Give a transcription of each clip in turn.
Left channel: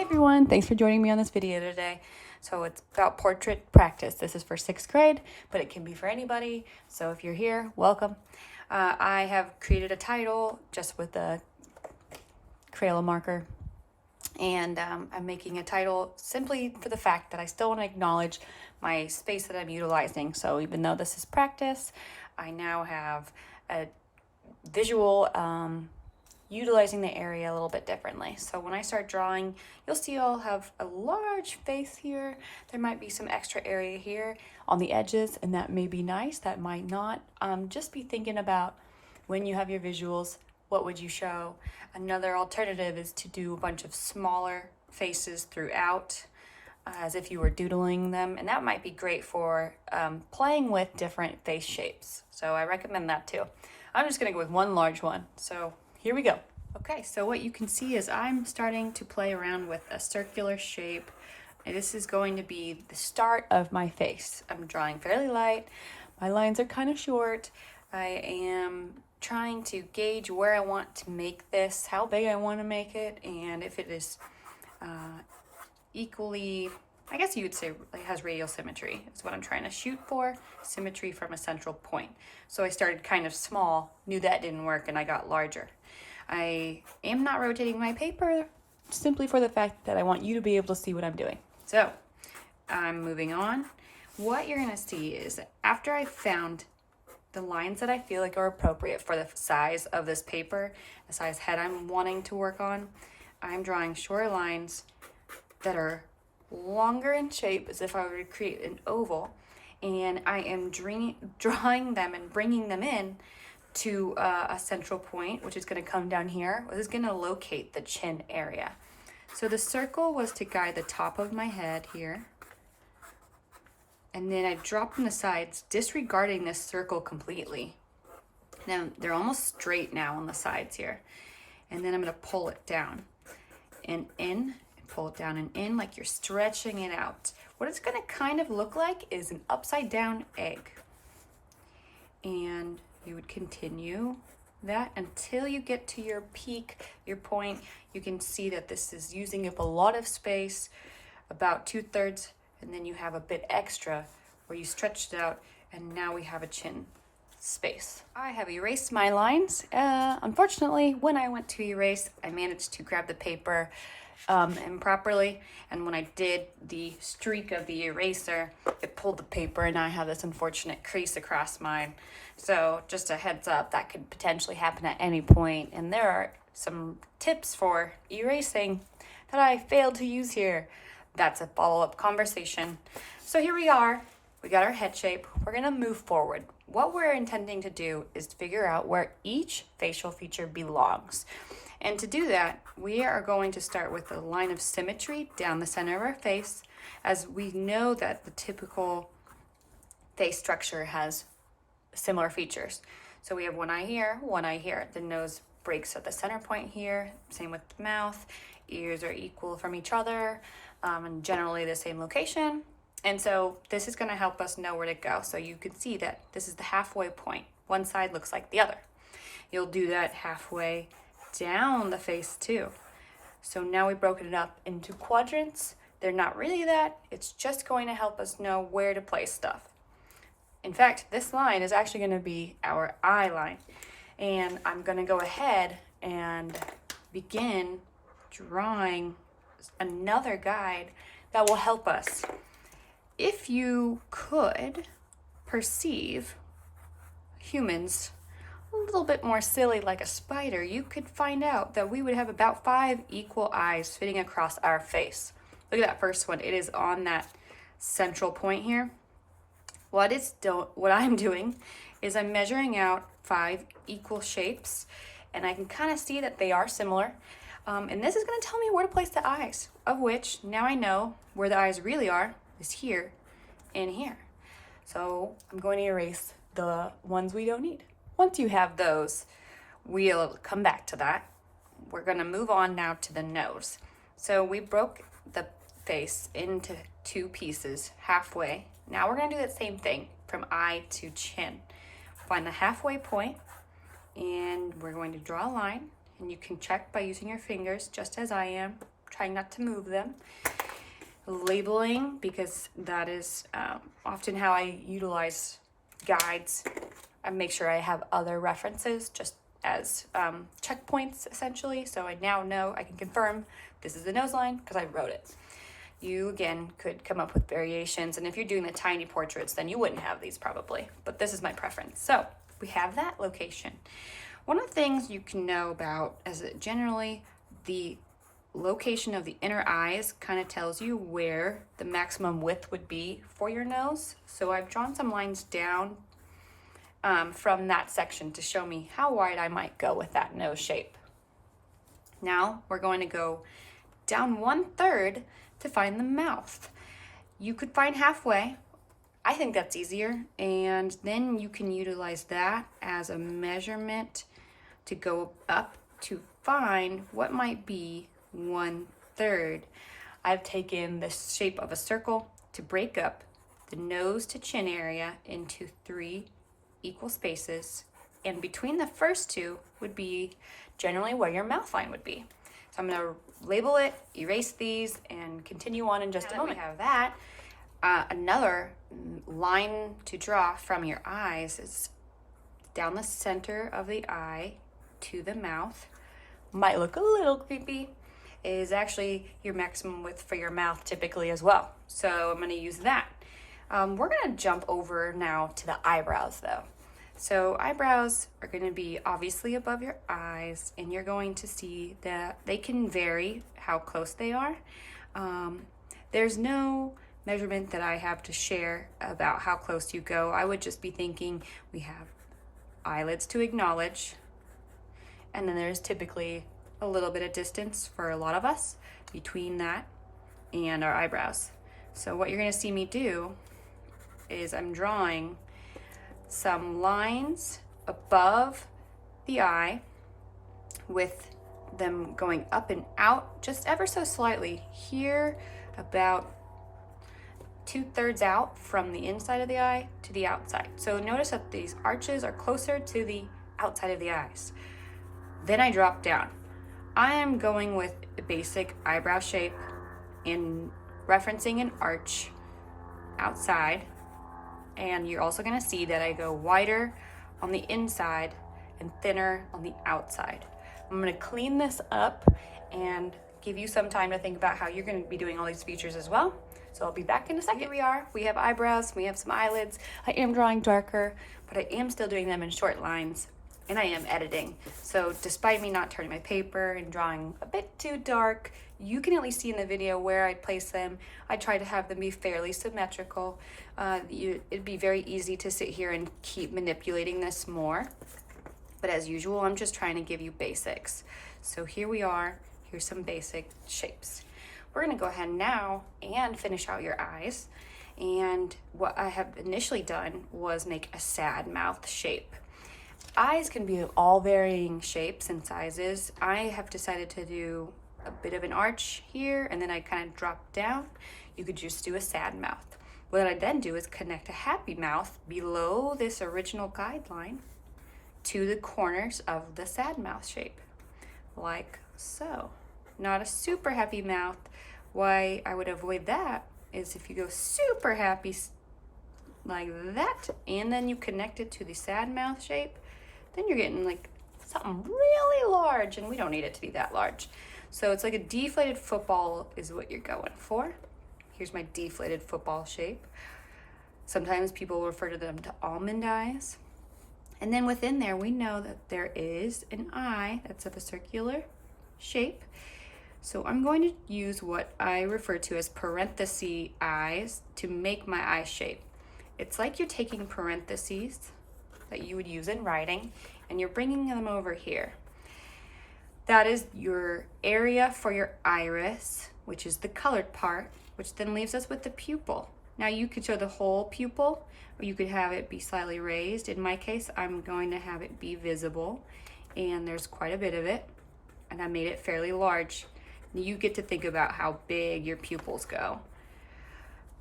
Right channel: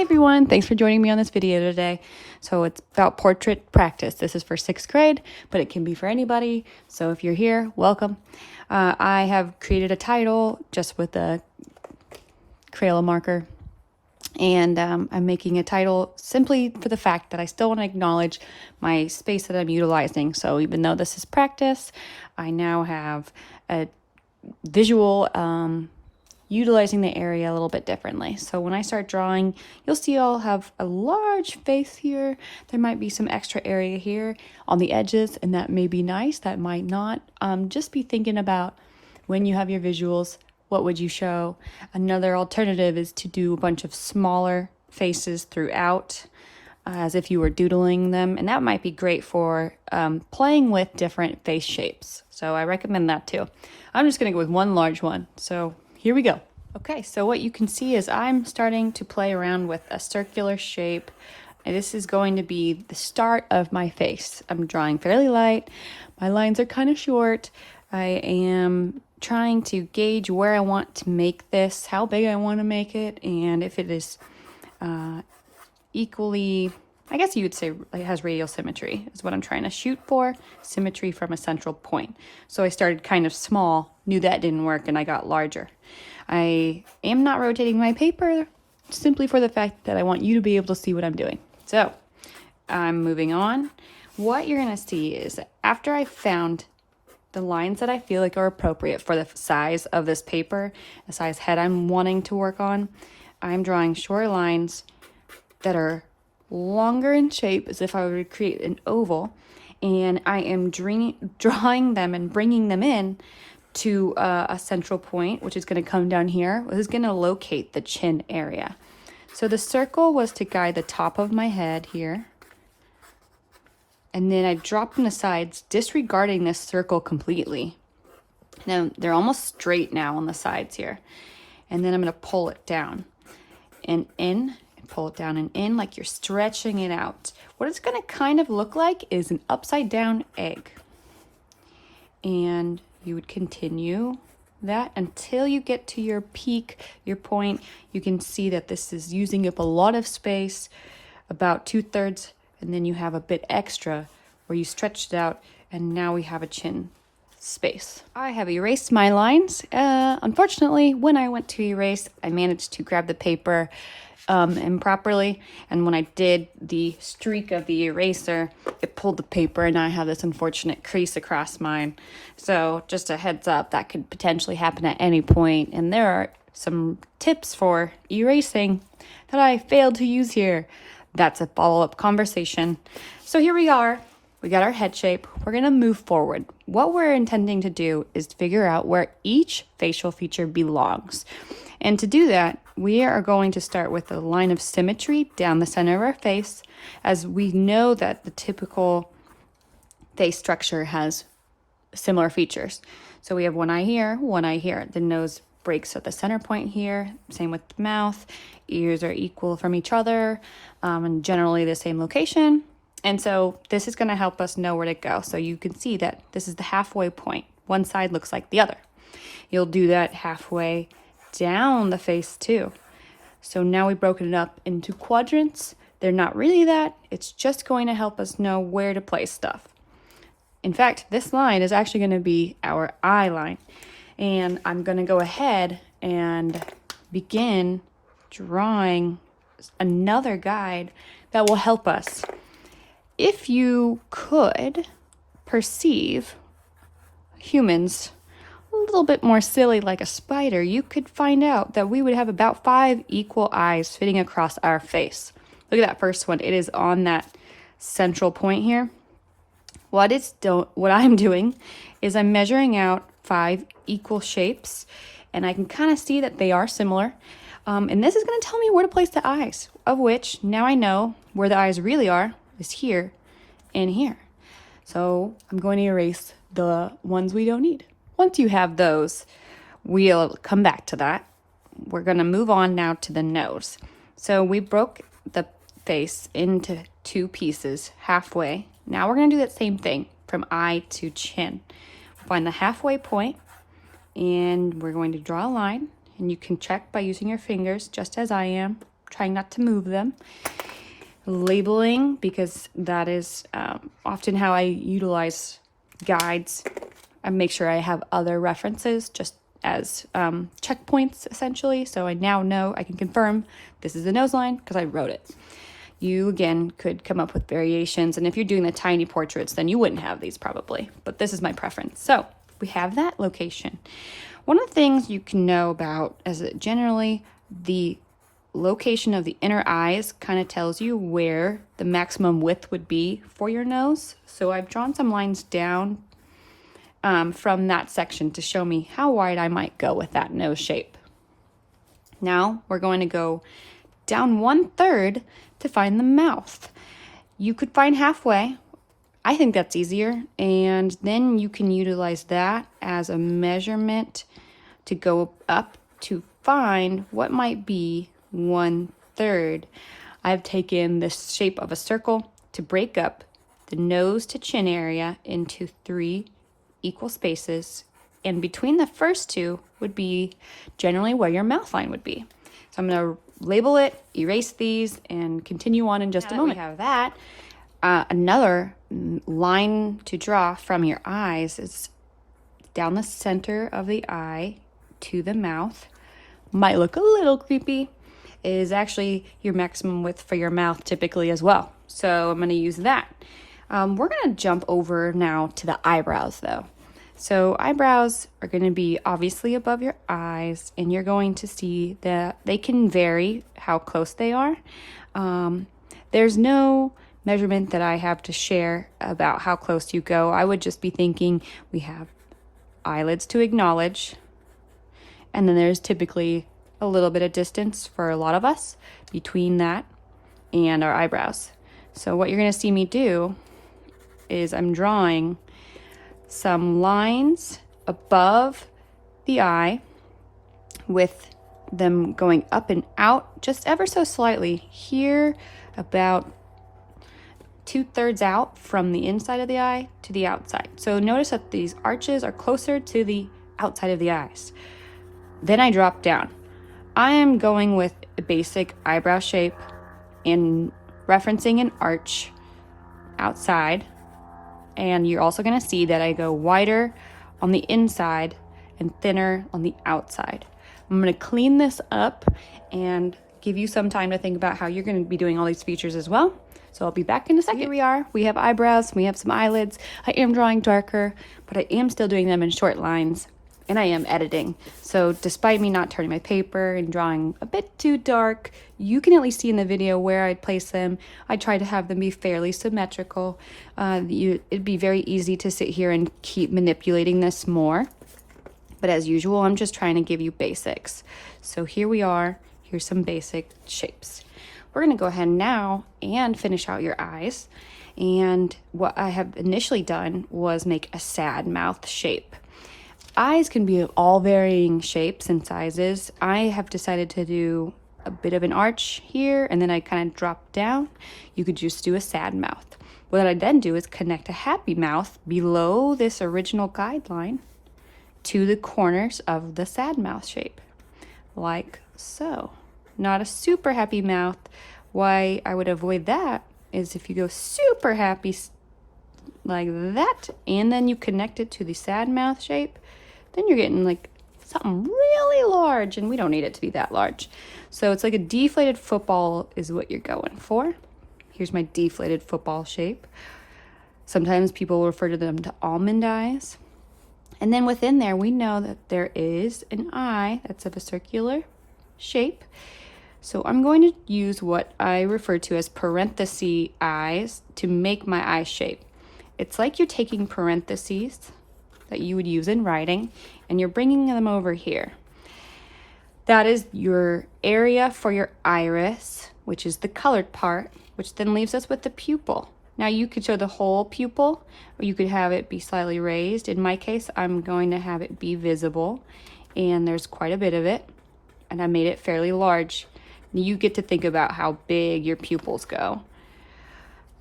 Hey everyone, thanks for joining me on this video today. So it's about portrait practice. This is for 6th grade, but it can be for anybody. So if you're here, welcome. I have created a title just with a Crayola marker. And I'm making a title simply for the fact that I still want to acknowledge my space that I'm utilizing. So even though this is practice, I now have a visual utilizing the area a little bit differently. So when I start drawing, you'll see I'll have a large face here. There might be some extra area here on the edges, and that may be nice, that might not. Just be thinking about when you have your visuals, what would you show? Another alternative is to do a bunch of smaller faces throughout, as if you were doodling them, and that might be great for playing with different face shapes. So I recommend that too. I'm just gonna go with one large one. So here we go. Okay, so what you can see is I'm starting to play around with a circular shape. And this is going to be the start of my face. I'm drawing fairly light. My lines are kind of short. I am trying to gauge where I want to make this, how big I want to make it, and if it is equally, I guess you would say it has radial symmetry is what I'm trying to shoot for, symmetry from a central point. So I started kind of small, knew that didn't work, and I got larger. I am not rotating my paper simply for the fact that I want you to be able to see what I'm doing. So I'm moving on. What you're gonna see is after I found the lines that I feel like are appropriate for the size of this paper, the size head I'm wanting to work on, I'm drawing short lines that are longer in shape as if I were to create an oval, and I am drawing them and bringing them in to a central point, which is going to come down here. This is going to locate the chin area. So the circle was to guide the top of my head here, and then I dropped in the sides, disregarding this circle completely. Now they're almost straight now on the sides here, and then I'm going to pull it down and in. Pull it down and in like you're stretching it out. What it's going to kind of look like is an upside down egg. And you would continue that until you get to your peak, your point. You can see that this is using up a lot of space, about 2/3, and then you have a bit extra where you stretched it out, and now we have a chin space. I have erased my lines. Unfortunately, when I went to erase, I managed to grab the paper improperly, and when I did the streak of the eraser, it pulled the paper, and I have this unfortunate crease across mine. So just a heads up, that could potentially happen at any point, and there are some tips for erasing that I failed to use here. That's a follow-up conversation. So here we are. We got our head shape. We're gonna move forward. What we're intending to do is figure out where each facial feature belongs. And to do that, we are going to start with a line of symmetry down the center of our face, as we know that the typical face structure has similar features. So we have one eye here, one eye here. The nose breaks at the center point here, same with the mouth. Ears are equal from each other, and generally the same location. And so this is gonna help us know where to go. So you can see that this is the halfway point. One side looks like the other. You'll do that halfway down the face too. So now we've broken it up into quadrants. They're not really that, it's just going to help us know where to place stuff. In fact, this line is actually going to be our eye line, and I'm going to go ahead and begin drawing another guide that will help us. If you could perceive humans a little bit more silly like a spider, you could find out that we would have about 5 equal eyes fitting across our face. Look at that first one. It is on that central point here. What I'm doing is I'm measuring out 5 equal shapes, and I can kind of see that they are similar. And this is going to tell me where to place the eyes, of which now I know where the eyes really are is here and here. So I'm going to erase the ones we don't need. Once you have those, we'll come back to that. We're gonna move on now to the nose. So we broke the face into 2 pieces halfway. Now we're gonna do that same thing from eye to chin. Find the halfway point, and we're going to draw a line, and you can check by using your fingers just as I am. trying not to move them. Labeling, because that is often how I utilize guides. I make sure I have other references just as checkpoints, essentially. So I now know, I can confirm this is a nose line because I wrote it. You, again, could come up with variations. And if you're doing the tiny portraits, then you wouldn't have these probably. But this is my preference. So we have that location. One of the things you can know about is that generally the location of the inner eyes kind of tells you where the maximum width would be for your nose. So I've drawn some lines down from that section to show me how wide I might go with that nose shape. Now we're going to go down 1/3 to find the mouth. You could find halfway. I think that's easier, and then you can utilize that as a measurement to go up to find what might be 1/3. I've taken this shape of a circle to break up the nose to chin area into 3 equal spaces, and between the first 2 would be generally where your mouth line would be. So I'm going to label it, erase these, and continue on in just a moment. We have that. Another line to draw from your eyes is down the center of the eye to the mouth. Might look a little creepy. It is actually your maximum width for your mouth typically as well. So I'm going to use that. We're going to jump over now to the eyebrows though. So eyebrows are going to be obviously above your eyes, and you're going to see that they can vary how close they are. There's no measurement that I have to share about how close you go. I would just be thinking we have eyelids to acknowledge, and then there's typically a little bit of distance for a lot of us between that and our eyebrows. So what you're going to see me do is I'm drawing some lines above the eye with them going up and out just ever so slightly. Here, about 2/3 out from the inside of the eye to the outside. So notice that these arches are closer to the outside of the eyes. Then I drop down. I am going with a basic eyebrow shape and referencing an arch outside. And you're also going to see that I go wider on the inside and thinner on the outside. I'm going to clean this up and give you some time to think about how you're going to be doing all these features as well. So I'll be back in a second. Here we are. We have eyebrows. We have some eyelids. I am drawing darker, but I am still doing them in short lines, and I am editing. So despite me not turning my paper and drawing a bit too dark, you can at least see in the video where I'd place them. I try to have them be fairly symmetrical. It'd be very easy to sit here and keep manipulating this more. But as usual, I'm just trying to give you basics. So here we are. Here's some basic shapes. We're going to go ahead now and finish out your eyes. And what I have initially done was make a sad mouth shape. Eyes can be of all varying shapes and sizes. I have decided to do a bit of an arch here, and then I kind of drop down. You could just do a sad mouth. What I then do is connect a happy mouth below this original guideline to the corners of the sad mouth shape, like so. Not a super happy mouth. Why I would avoid that is if you go super happy like that, and then you connect it to the sad mouth shape, then you're getting like something really large, and we don't need it to be that large. So it's like a deflated football is what you're going for. Here's my deflated football shape. Sometimes people refer to them to almond eyes. And then within there, we know that there is an eye that's of a circular shape. So I'm going to use what I refer to as parenthesis eyes to make my eye shape. It's like you're taking parentheses that you would use in writing, and you're bringing them over here. That is your area for your iris, which is the colored part, which then leaves us with the pupil. Now you could show the whole pupil, or you could have it be slightly raised. In my case, I'm going to have it be visible, and there's quite a bit of it, and I made it fairly large. You get to think about how big your pupils go.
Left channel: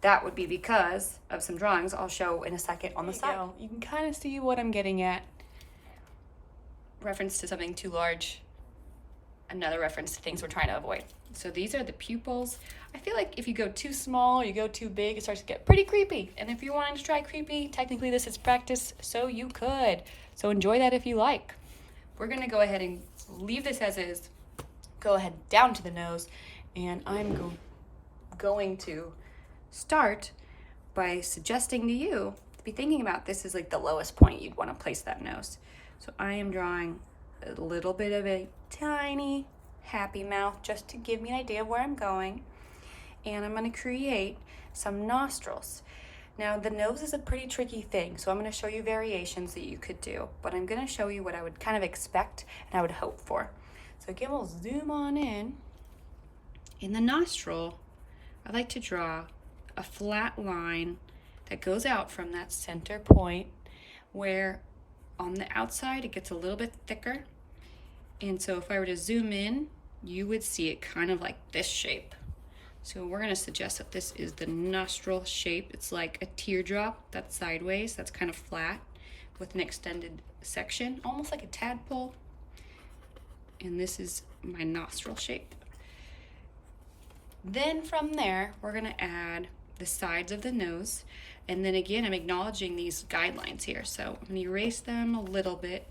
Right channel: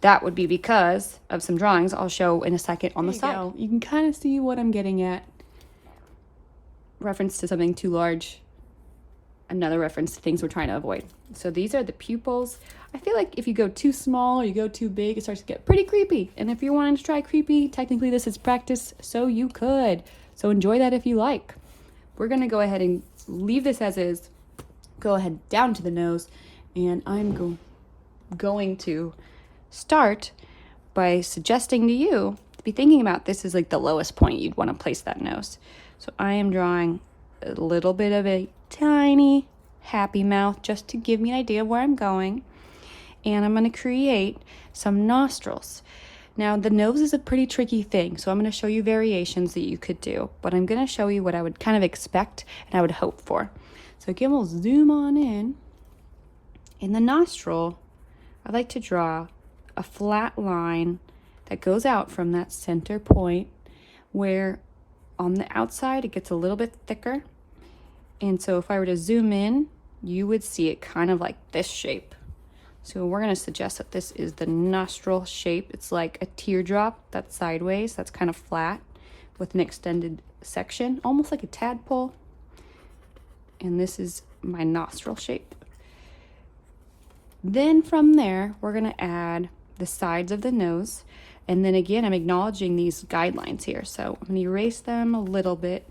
That would be because of some drawings I'll show in a second on the side. You can kind of see what I'm getting at. Reference to something too large. another reference to things we're trying to avoid. So these are the pupils. I feel like if you go too small or you go too big, it starts to get pretty creepy. And if you're wanting to try creepy, technically this is practice, so you could. So enjoy that if you like. We're gonna go ahead and leave this as is, go ahead down to the nose, and I'm going to start by suggesting to you to be thinking about this is like the lowest point you'd want to place that nose. So I am drawing a little bit of a tiny happy mouth just to give me an idea of where I'm going. And I'm going to create some nostrils. Now the nose is a pretty tricky thing, so I'm going to show you variations that you could do, but I'm going to show you what I would kind of expect and I would hope for. So again, we'll zoom on in. In the nostril, I like to draw a flat line that goes out from that center point, where on the outside it gets a little bit thicker. And so if I were to zoom in, you would see it kind of like this shape. So we're going to suggest that this is the nostril shape. It's like a teardrop that's sideways, that's kind of flat with an extended section, almost like a tadpole. And this is my nostril shape. Then from there, we're going to add the sides of the nose. And then again, I'm acknowledging these guidelines here. So I'm going to erase them a little bit.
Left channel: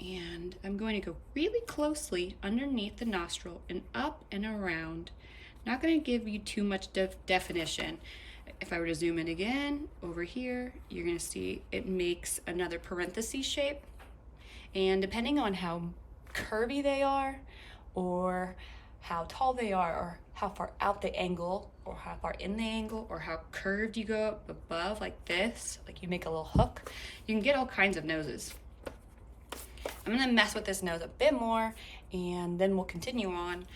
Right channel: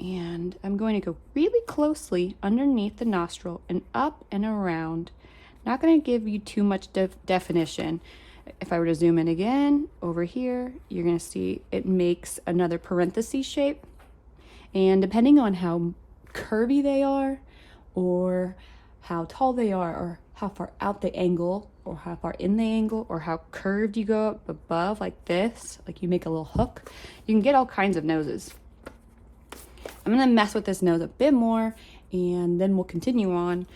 And I'm going to go really closely underneath the nostril and up and around. Not going to give you too much definition. If I were to zoom in again over here, you're going to see it makes another parenthesis shape. And depending on how curvy they are, or how tall they are, or how far out the angle, or how far in the angle, or how curved you go up above like this, like you make a little hook, you can get all kinds of noses. I'm going to mess with this nose a bit more, and then we'll continue on.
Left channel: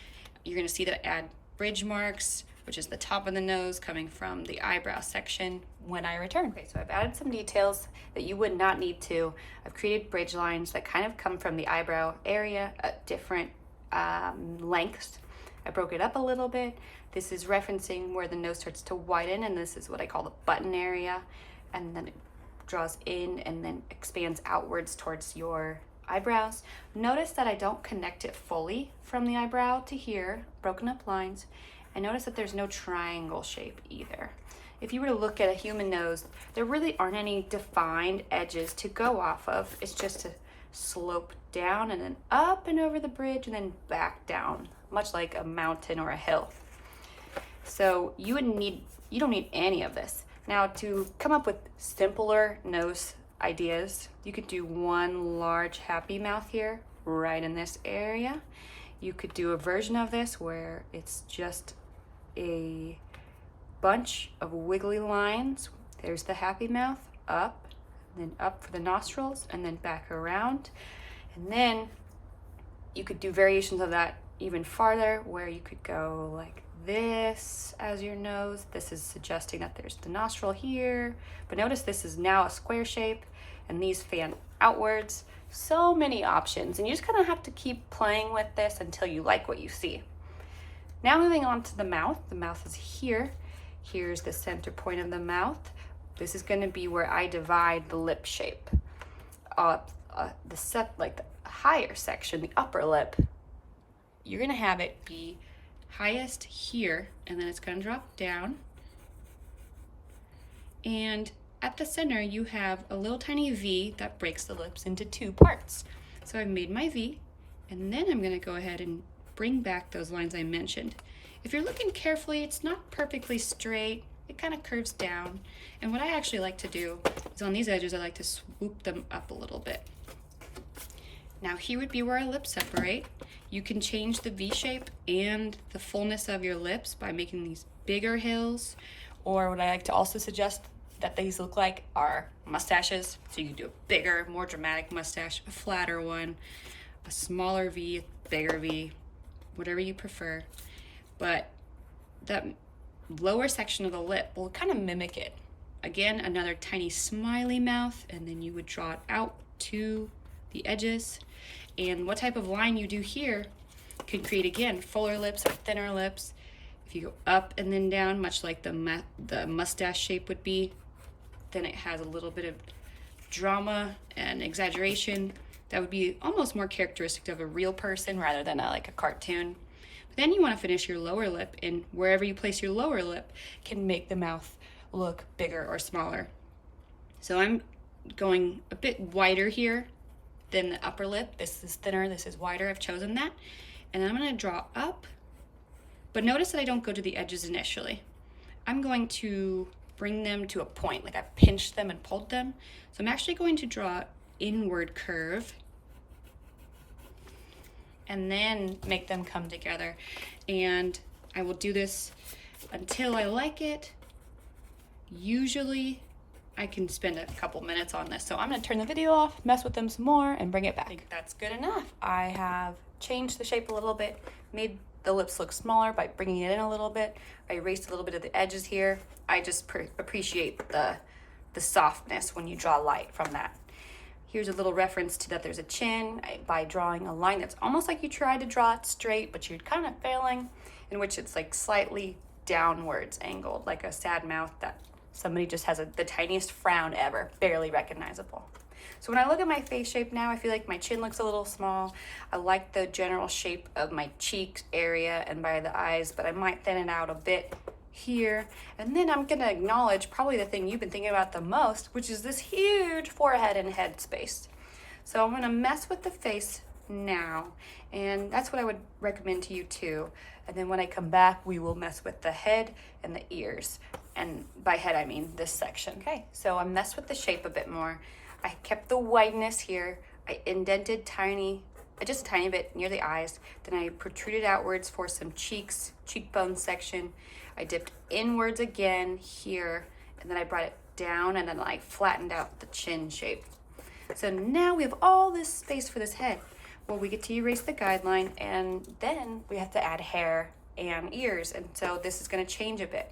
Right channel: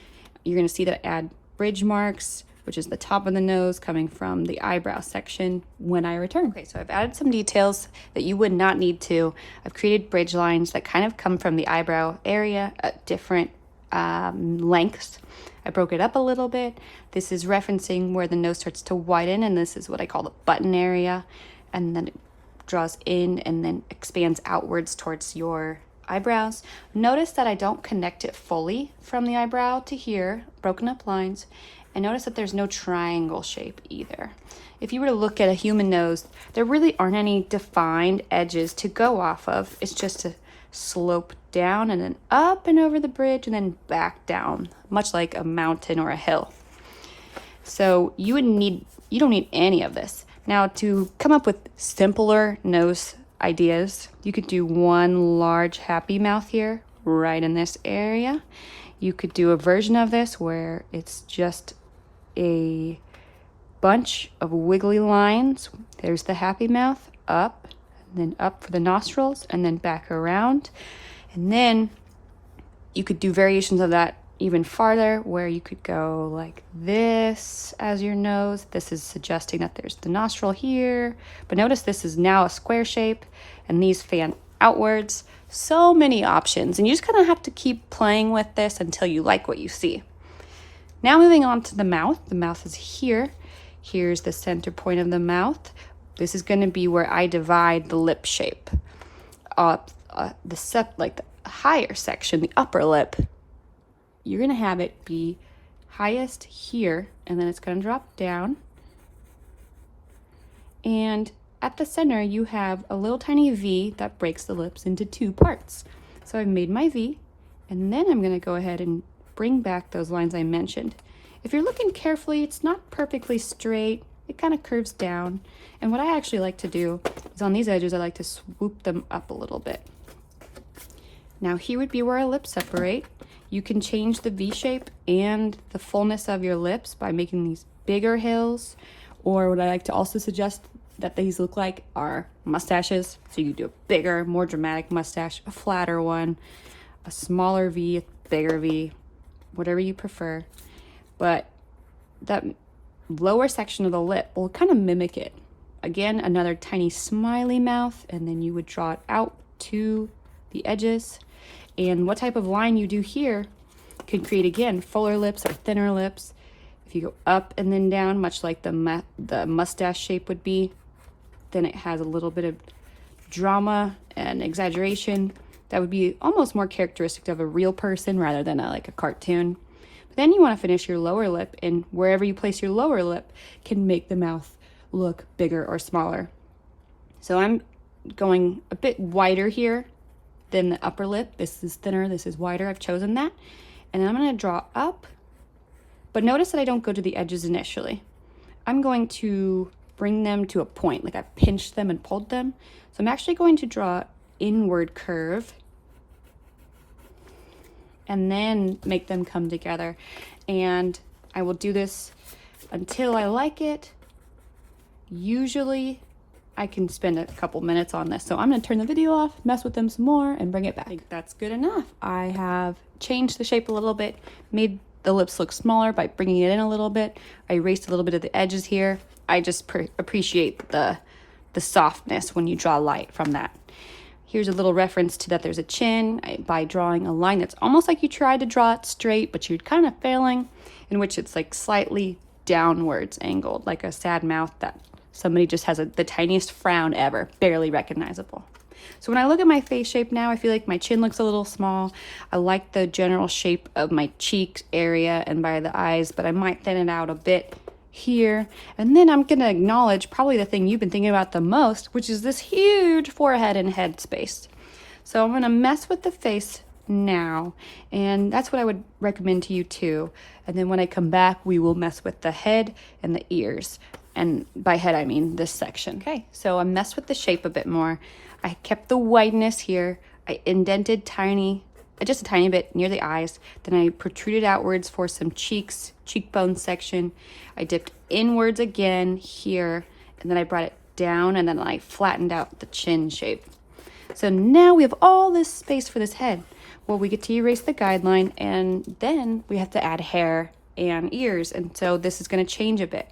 You're going to see that I add bridge marks, which is the top of the nose coming from the eyebrow section when I return. Okay, so I've added some details that you would not need to. I've created bridge lines that kind of come from the eyebrow area at different lengths. I broke it up a little bit. This is referencing where the nose starts to widen, and this is what I call the button area. And then it draws in and then expands outwards towards your eyebrows. Notice that I don't connect it fully from the eyebrow to here, broken up lines. And notice that there's no triangle shape either. If you were to look at a human nose, there really aren't any defined edges to go off of. It's just a slope down and then up and over the bridge and then back down, much like a mountain or a hill. So you don't need any of this. Now, to come up with simpler nose ideas, you could do one large happy mouth here, right in this area. You could do a version of this where it's just a bunch of wiggly lines. There's the happy mouth, up, and then up for the nostrils, and then back around. And then you could do variations of that even farther, where you could go like this as your nose. This is suggesting that there's the nostril here, but notice this is now a square shape, and these fan outwards. So many options, and you just kind of have to keep playing with this until you like what you see. Now moving on to the mouth. The mouth is here. Here's the center point of the mouth. This is going to be where I divide the lip shape. Like the higher section, the upper lip, you're going to have it be highest here, and then it's going to drop down. And at the center, you have a little tiny V that breaks the lips into two parts. So I've made my V, and then I'm going to go ahead and bring back those lines I mentioned. If you're looking carefully, it's not perfectly straight. It kind of curves down. And what I actually like to do is on these edges, I like to swoop them up a little bit. Now here would be where our lips separate. You can change the V shape and the fullness of your lips by making these bigger hills, or what I like to also suggest that these look like are mustaches. So you do a bigger, more dramatic mustache, a flatter one, a smaller V, a bigger V, whatever you prefer. But that lower section of the lip will kind of mimic it. Again, another tiny smiley mouth, and then you would draw it out to the edges. And what type of line you do here can create, again, fuller lips or thinner lips. If you go up and then down, much like the mustache shape would be, then it has a little bit of drama and exaggeration. That would be almost more characteristic of a real person rather than like a cartoon. But then you want to finish your lower lip, and wherever you place your lower lip can make the mouth look bigger or smaller. So I'm going a bit wider here than the upper lip. This is thinner, this is wider. I've chosen that. And then I'm going to draw up, but notice that I don't go to the edges initially. I'm going to bring them to a point, like I pinched them and pulled them. So I'm actually going to draw inward curve and then make them come together. And I will do this until I like it. Usually I can spend a couple minutes on this. So I'm gonna turn the video off, mess with them some more, and bring it back. I think that's good enough. I have changed the shape a little bit, made the lips look smaller by bringing it in a little bit. I erased a little bit of the edges here. I just appreciate the softness when you draw light from that. Here's a little reference to that there's a chin by drawing a line that's almost like you tried to draw it straight, but you're kind of failing, in which it's like slightly downwards angled, like a sad mouth that somebody just has the tiniest frown ever, barely recognizable. So when I look at my face shape now, I feel like my chin looks a little small. I like the general shape of my cheek area and by the eyes, but I might thin it out a bit here. And then I'm gonna acknowledge probably the thing you've been thinking about the most, which is this huge forehead and head space. So I'm gonna mess with the face now, and that's what I would recommend to you too. And then when I come back, we will mess with the head and the ears. And by head, I mean this section. Okay, so I messed with the shape a bit more. I kept the wideness here. I indented just a tiny bit near the eyes. Then I protruded outwards for some cheekbone section. I dipped inwards again here, and then I brought it down, and then I flattened out the chin shape. So now we have all this space for this head. Well, we get to erase the guideline, and then we have to add hair and ears, and so this is gonna change a bit.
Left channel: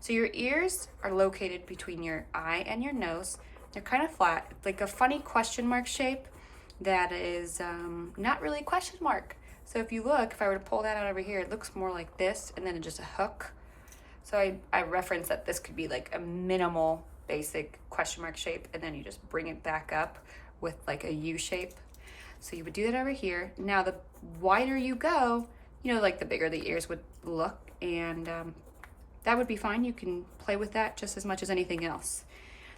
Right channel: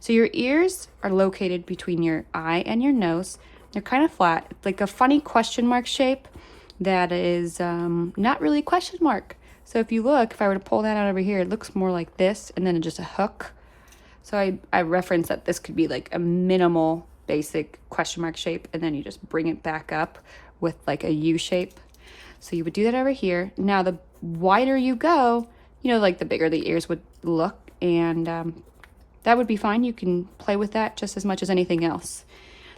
So your ears are located between your eye and your nose. They're kind of flat, like a funny question mark shape that is not really a question mark. So if you look, if I were to pull that out over here, it looks more like this, and then just a hook. So I reference that this could be like a minimal basic question mark shape, and then you just bring it back up with like a U shape. So you would do that over here. Now the wider you go, you know, like the bigger the ears would look, and that would be fine. You can play with that just as much as anything else.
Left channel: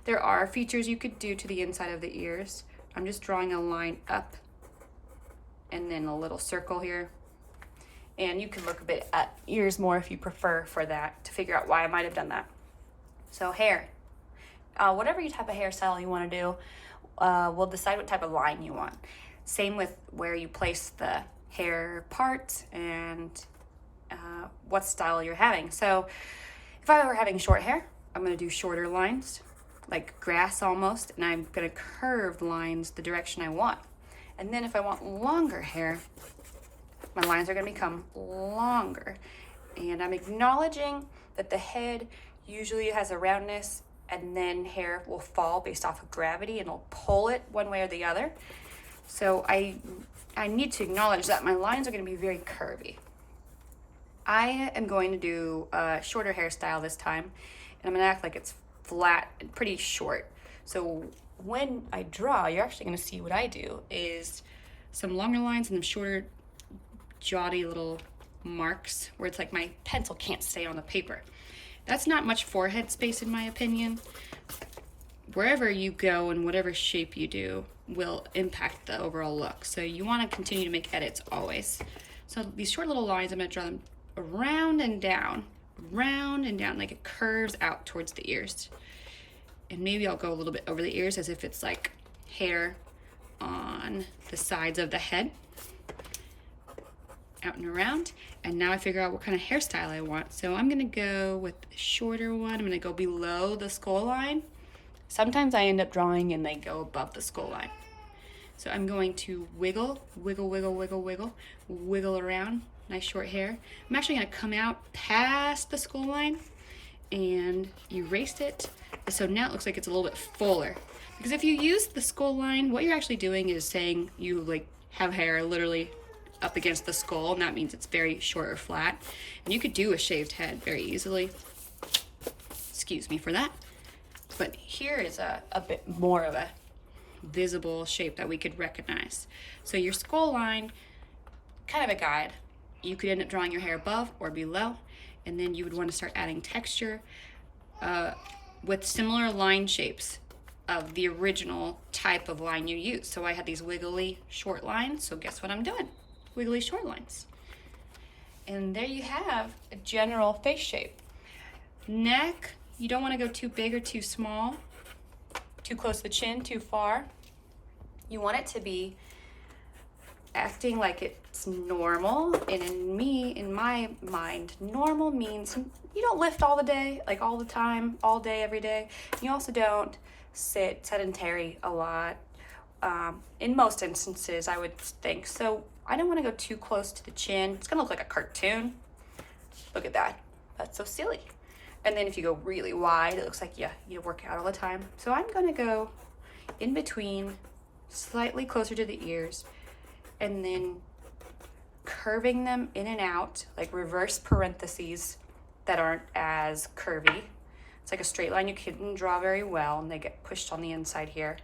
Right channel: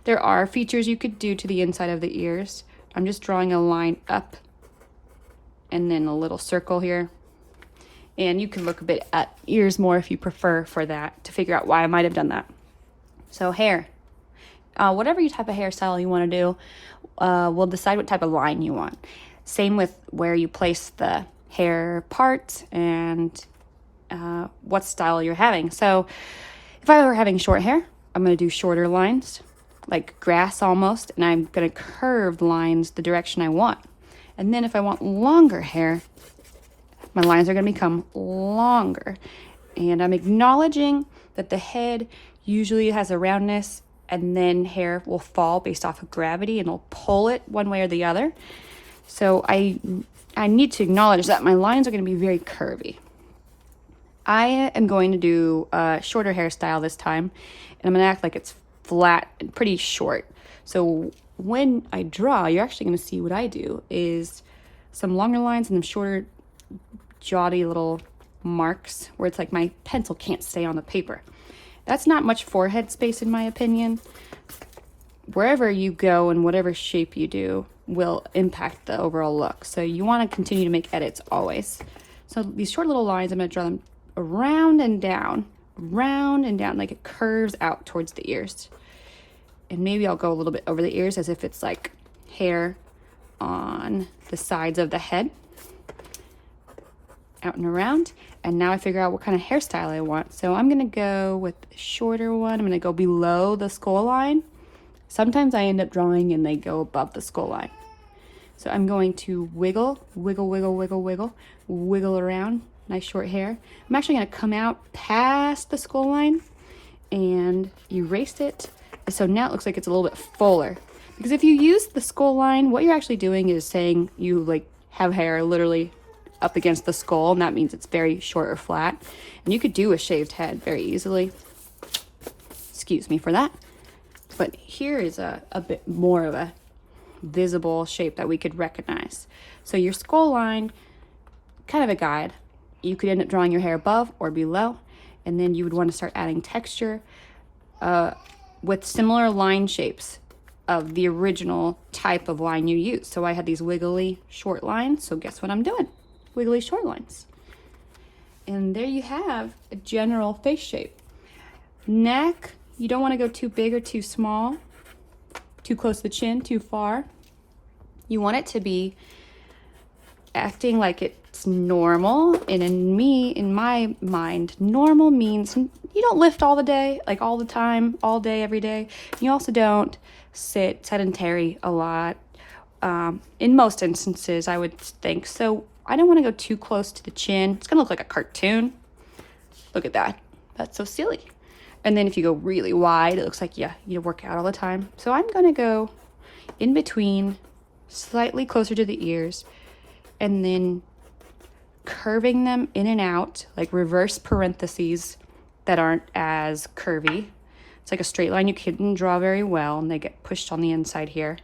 There are features you could do to the inside of the ears. I'm just drawing a line up and then a little circle here. And you can look a bit at ears more if you prefer for that, to figure out why I might have done that. So hair, whatever type of hairstyle you want to do, we'll decide what type of line you want. Same with where you place the hair parts and what style you're having. So if I were having short hair, I'm going to do shorter lines, like grass almost, and I'm going to curve lines the direction I want. And then if I want longer hair, my lines are going to become longer. And I'm acknowledging that the head usually has a roundness, and then hair will fall based off of gravity and it'll pull it one way or the other. So I need to acknowledge that my lines are going to be very curvy. I am going to do a shorter hairstyle this time, and I'm going to act like it's flat and pretty short. So when I draw, you're actually going to see what I do is some longer lines and then shorter, jauty little marks where it's like my pencil can't stay on the paper. That's not much forehead space in my opinion. Wherever you go and whatever shape you do will impact the overall look. So you want to continue to make edits always. So these short little lines, I'm going to draw them around and down, like it curves out towards the ears. And maybe I'll go a little bit over the ears as if it's like hair on the sides of the head. Out and around. And now I figure out what kind of hairstyle I want. So I'm going to go with the shorter one. I'm going to go below the skull line. Sometimes I end up drawing and they go above the skull line. So I'm going to wiggle around. Nice short hair. I'm actually going to come out past the skull line and erase it. So now it looks like it's a little bit fuller. Because if you use the skull line, what you're actually doing is saying you like have hair literally up against the skull, and that means it's very short or flat. And you could do a shaved head very easily. Excuse me for that. But here is a bit more of a visible shape that we could recognize. So your skull line, kind of a guide. You could end up drawing your hair above or below, and then you would want to start adding texture with similar line shapes of the original type of line you use. So I had these wiggly short lines, so guess what I'm doing? Wiggly short lines. And there you have a general face shape. Neck, you don't want to go too big or too small, too close to the chin, too far. You want it to be acting like it's normal. And in my mind, normal means you don't lift all the day, like all the time, all day, every day. You also don't sit sedentary a lot. In most instances, I would think. So I don't want to go too close to the chin. It's gonna look like a cartoon. Look at that. That's so silly. And then if you go really wide, it looks like, yeah, you work out all the time. So I'm gonna go in between, slightly closer to the ears, and then curving them in and out, like reverse parentheses that aren't as curvy. It's like a straight line you couldn't draw very well, and they get pushed on the inside here.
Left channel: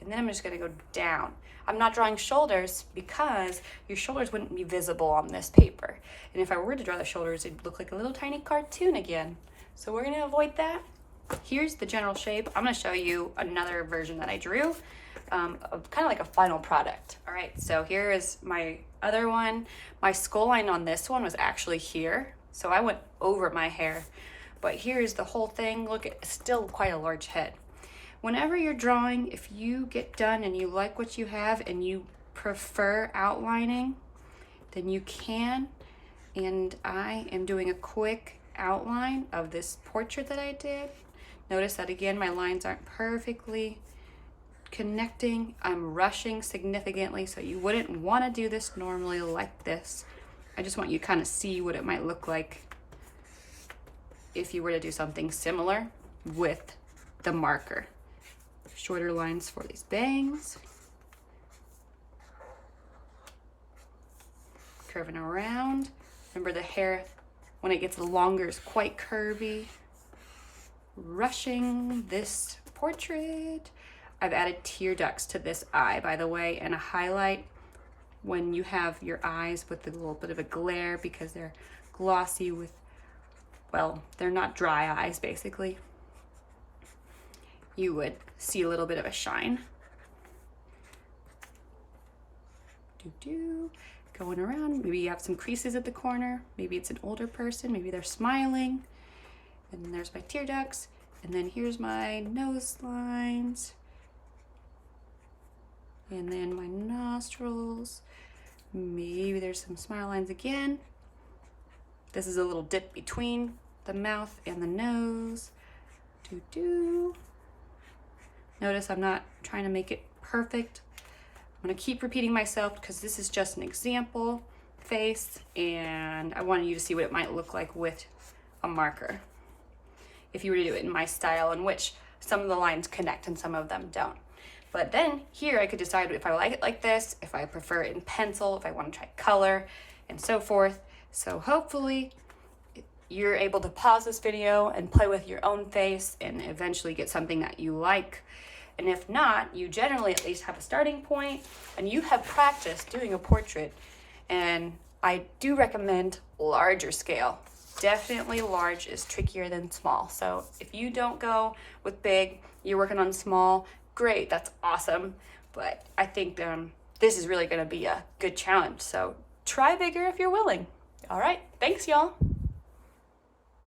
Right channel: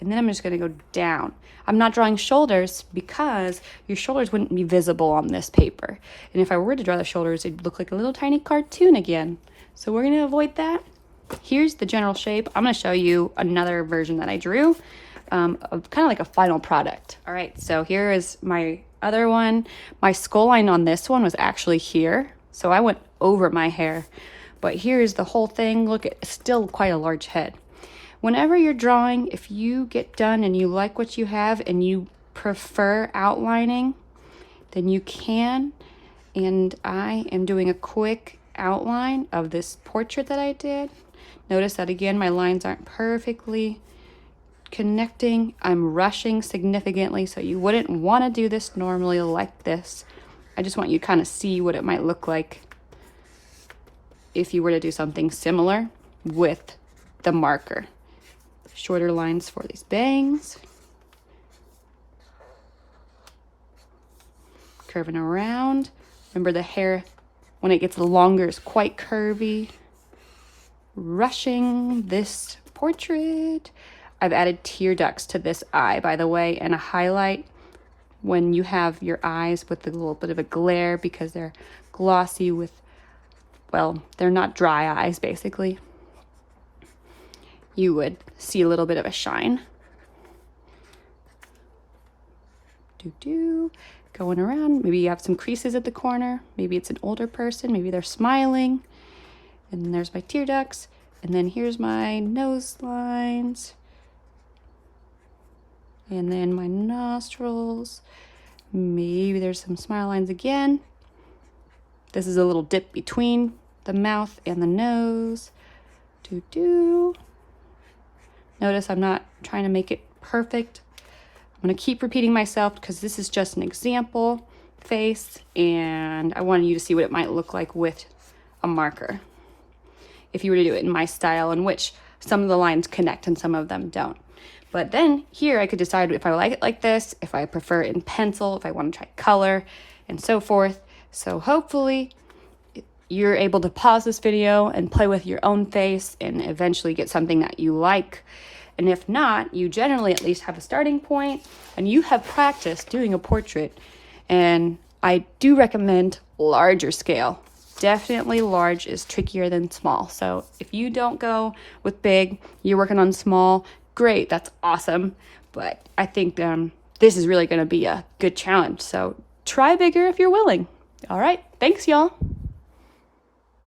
And then I'm just gonna go down. I'm not drawing shoulders because your shoulders wouldn't be visible on this paper. And if I were to draw the shoulders, it'd look like a little tiny cartoon again. So we're gonna avoid that. Here's the general shape. I'm gonna show you another version that I drew, of kind of like a final product. All right, so here is my other one. My skull line on this one was actually here. So I went over my hair. But here's the whole thing. Look, it's still quite a large head. Whenever you're drawing, if you get done and you like what you have and you prefer outlining, then you can. And I am doing a quick outline of this portrait that I did. Notice that again, my lines aren't perfectly connecting. I'm rushing significantly, so you wouldn't want to do this normally like this. I just want you to kind of see what it might look like if you were to do something similar with the marker. Shorter lines for these bangs. Curving around. Remember, the hair, when it gets longer, is quite curvy. Rushing this portrait. I've added tear ducts to this eye, by the way, and a highlight when you have your eyes with a little bit of a glare because they're glossy with, well, they're not dry eyes, basically. You would see a little bit of a shine. Going around. Maybe you have some creases at the corner. Maybe it's an older person. Maybe they're smiling. And then there's my tear ducts. And then here's my nose lines. And then my nostrils. Maybe there's some smile lines again. This is a little dip between the mouth and the nose. Notice I'm not trying to make it perfect. I'm gonna keep repeating myself because this is just an example face, and I wanted you to see what it might look like with a marker if you were to do it in my style, in which some of the lines connect and some of them don't. But then here I could decide if I like it like this, if I prefer it in pencil, if I want to try color, and so forth. So hopefully you're able to pause this video and play with your own face and eventually get something that you like. And if not, you generally at least have a starting point and you have practiced doing a portrait. And I do recommend larger scale. Definitely large is trickier than small. So if you don't go with big, you're working on small, great, that's awesome. But I think this is really gonna be a good challenge. So try bigger if you're willing. All right, thanks y'all.